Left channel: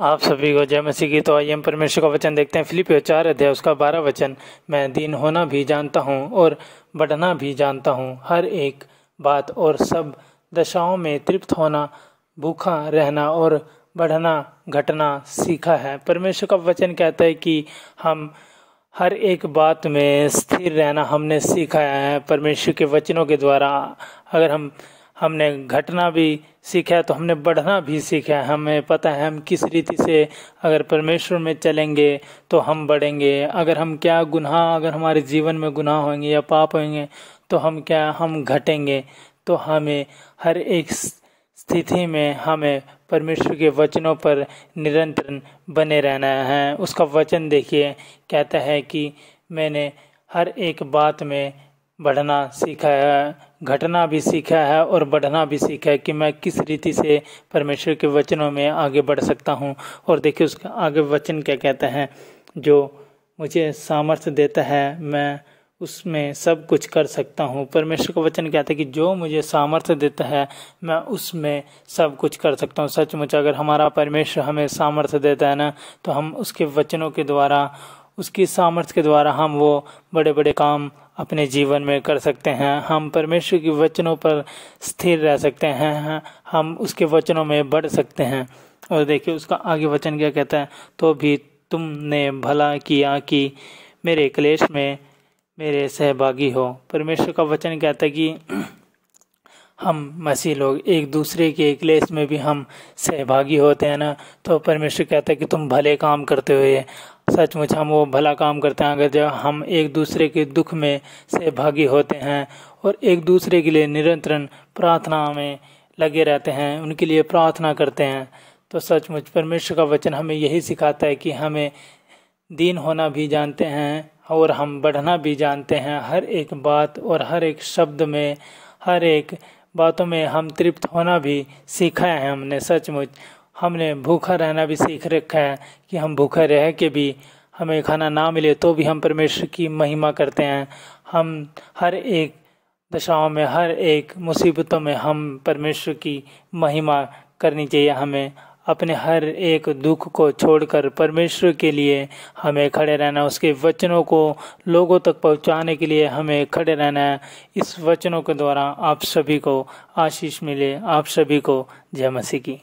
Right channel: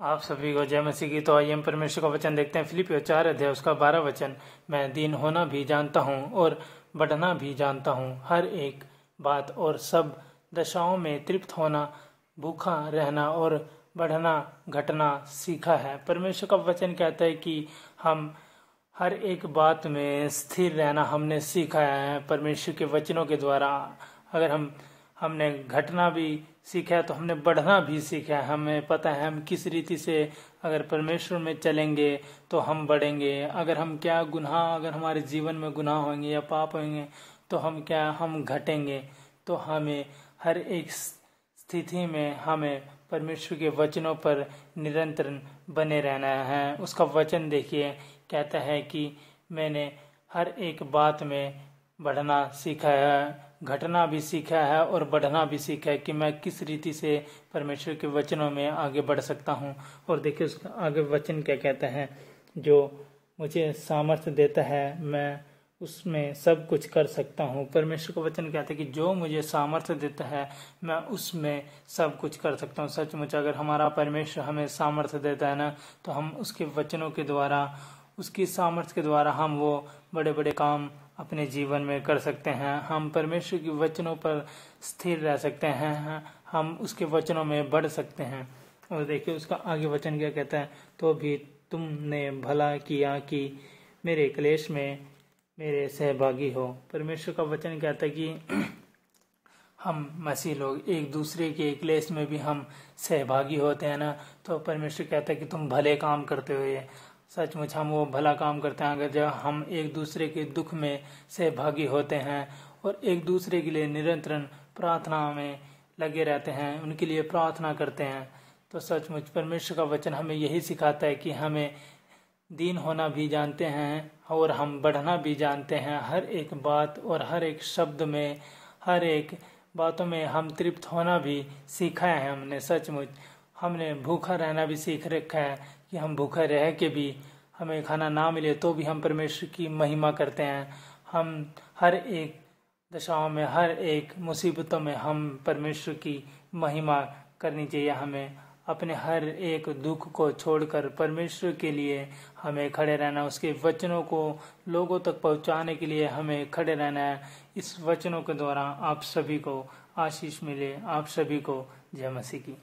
आप सभी को जय मसीह की। तो आइए हम परमेश्वर का वचन देखते हैं। फिलिपियों 4 अध्याय उसका 12 वचन। मैं दीन होना भी जानता हूँ और बढ़ना भी जानता हूँ, हर एक बात और सब दशाओं में तृप्त होना, भूखा रहना और बढ़ना घटना सीखा है। परमेश्वर का वचन कहता है कि हम हर एक बात में स्थिर रहना हमने सीखा है परमेश्वर के वचनों के द्वारा। अगर हमने घटना भी सीखा है तो हमने बढ़ना भी सीखा है। हमें पता है हम किस रीति से अगर परमेश्वर में चलेंगे तो हम बढ़ेंगे। अगर अगर हमारे जीवन में गुनाह होंगे या पाप होंगे तो हम घटेंगे। तो हमें हर एक स्थिति में हमें परमेश्वर के वचनों पर निरंतर बने रहना है। उसका वचन देखिए, कहता है कि मैंने हर एक बात में बढ़ना सीखा है, घटना भी सीखा है और बढ़ना भी सीखा है कि मैं किस रीति से परमेश्वर के वचनों में आगे बढ़ सकता हूँ। और देखिए उसका आगे वचन क्या कहता है, जो मुझे सामर्थ्य देता है मैं उसमें सब कुछ कर सकता हूँ। परमेश्वर का वचन कहता है कि जो मुझे सामर्थ्य देता है मैं उसमें सब कुछ कर सकता हूँ। सचमुच अगर हमारा परमेश्वर हमें सामर्थ्य देता है ना, तो हम उसके वचनों के द्वारा, उसकी सामर्थ्य के द्वारा हम वो बड़े बड़े काम अपने जीवन में कर सकते हैं। हम परमेश्वर के वचनों पर स्थिर रह सकते हैं, हम उसके वचनों में बढ़ सकते हैं। और देखिए उसका आगे वचन क्या कहता है, तो भी तुमने भला किया कि मेरे क्लेश में मेरे सहभागी हो। परमेश्वर का वचन कहता है कि हम मसीह लोग एक दूसरे के क्लेश में भी हम सहभागी होते हैं ना। तो परमेश्वर कहता है कि तुम भले काम करते हुए, सचमुच हम वो भला काम करते हैं। अगर जब हम एक दूसरे के दुख में सहभागी होते हैं और एक दूसरे के लिए निरंतर प्रार्थना में लगे रहते हैं, उनके लिए प्रार्थना करते हैं, तो सचमुच परमेश्वर का वचन हमें यही सिखाता है कि हमें दीन होना भी जानते हैं और हम बढ़ना भी जानते हैं। हर एक बात और हर एक शब्द में, हर एक बातों में हम तृप्त होना भी सीखा है हमने। सचमुच हमने भूखा रहना भी सीख रखा है कि हम भूखा रह के भी हमें खाना ना मिले तो भी हम परमेश्वर की महिमा करते हैं। हम हर एक दशाओं में, हर एक मुसीबतों में हम परमेश्वर की महिमा करनी चाहिए। हमें अपने हर एक दुख को छोड़कर परमेश्वर के लिए हमें खड़े रहना, उसके वचनों को लोगों तक पहुंचाने के लिए हमें खड़े रहना है। इस वचनों के द्वारा आप सभी को आशीष मिले। आप सभी को जय मसीह की।